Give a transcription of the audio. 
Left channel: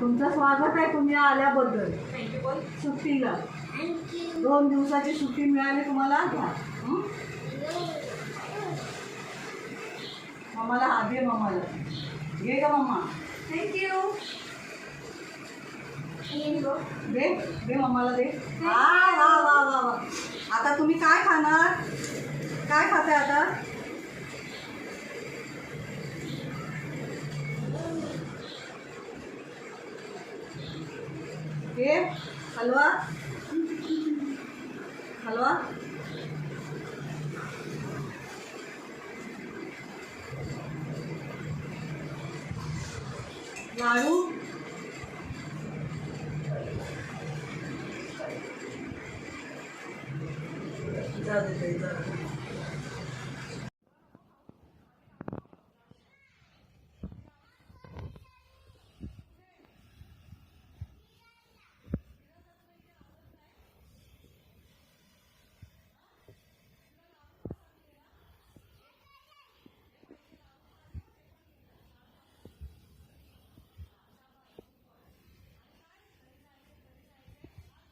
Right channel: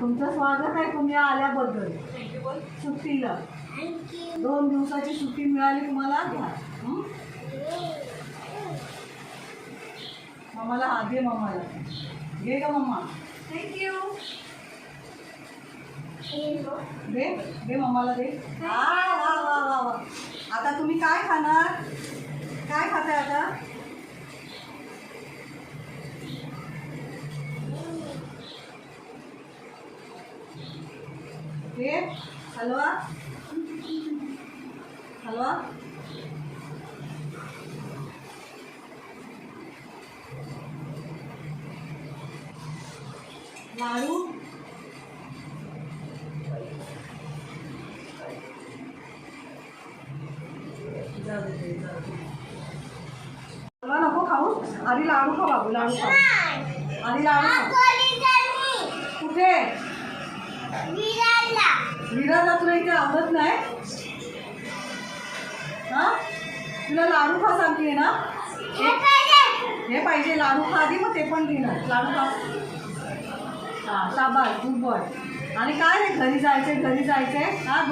तुमचं स्वागत आहे तुम्ही आल्याबद्दल सुट्टीला. 2 दिवसाची सुट्टी मिळाली तुम्हाला. मम्माला हा दे, मम्माला घे का मम्मा. थँक्यू. दे दे मम्माला दे. वा वा वा वा. आता तुम्ही काय खाणार, काय खाताय आता. हे हलवा हलवा. लाडू हलवा नको खाऊ. आधी लाडू खा बाबू, लाडू खा आधी, लाडू खा. कुठे विराला तुला इथे आवडत नाही. हा तुला लाडू खा सांगते ना. हे पाहिजे लाडू खा आधी, मग ते पण घेणार. लाडू खा. हा शाबास, गुड बॉय. आणि काय रे, घरी जायचंय घरी जायचंय. हा